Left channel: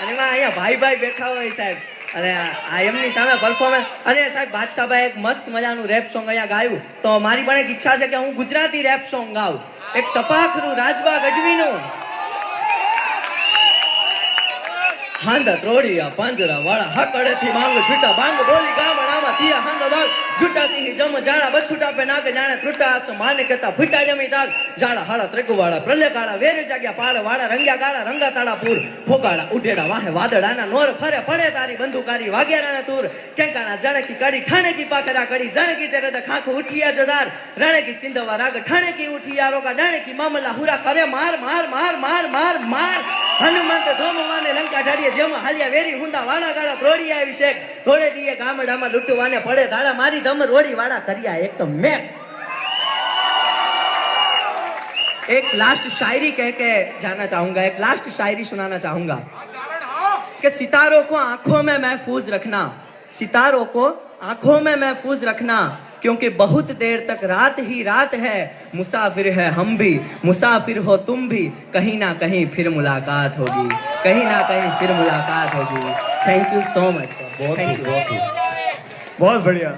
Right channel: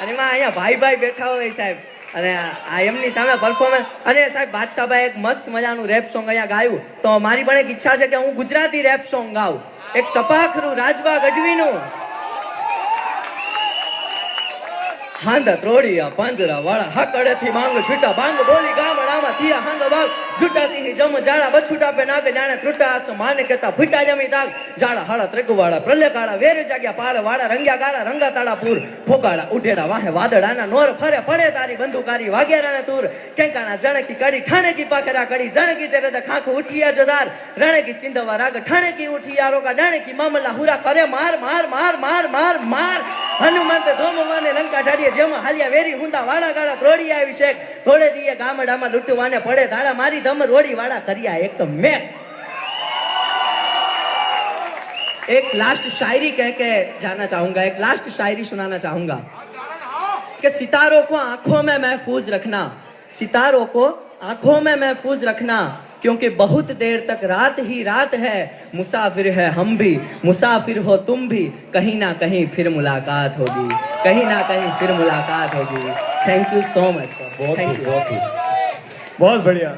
અને એમાં અહીંયા ભાઈ ભાઈ બેઠા હોય સાહેબ, અને આ એમની સામે પરફોર્મન્સ. અને સાહેબ બાદશાહભાઈ એક મસ્ત મજાનું રેપ સોંગ અહીંયા ગાયું, તો મારી પણ એક ઈચ્છા છે કે હું ગુજરાતી રેપ સોંગ ગાઉં, એક સપાખરું રાજબા ગઢવીનું. હાંદા ત્રોડિયા પાંજરા વાળા હકડેથી માંગ છૂટા બાંગ બોલી ગામડામાં થયા હાંદા બાગ જુટા સિંહ જમ જાળા બછુટા પે નાકે જાણે ત્રુટા આસ માને કતા ફૂટા જમી તાગ જાળા હાળા ત્રેગુવાળા પ્રલય કાળા વેર જાગ્યા પાળ વાળા રંગ્યા ગાળા રંગા તાળા પૂર ફોકાળા ઉઠેડા વાહે વાદળાના નોર ફરે પડે તારી બંદૂકારી વાગ્યારાને તૂર કેંકાણા જણકી કડી ઠાણકી પાકરા કડી જણકી તેરે દ ખાખું ઉઠિયા જોદાર રણકી સિંધવા રાગ ઠાણકી ઉઠિયા રોકા ડાણકી મામલા હુરા કરે માર માર માર માર માર માર હનુમંત ધોમવાને લંકા ઢાડીએ જેમાં હાલ્યા વેરી હુંદા વાળા ગાળા ત્રોડિયા અભિષેક થોડે દીએ ગામડામાં લૂંટવાને પડે ધાડા મારી ધમ રોડી વાળા કર્યા એક મેં. एक लास्ट शायरी कह के जाना चाहूंगा, एक लास्ट शायरी सुनाना चाहूंगा कि सितारों को आंखों में महफूज रखना, सितारों को आंखों में महफूज रखना, क्योंकि बहुत देर तक रात ही रात है, मुसाफिर है हम भी, मुसाफिर हो तुम भी, कहीं ना कहीं फिर मुलाकात होगी, कहीं ना कहीं फिर मुलाकात होगी. Thank you so much sir. बहुत बढ़िया.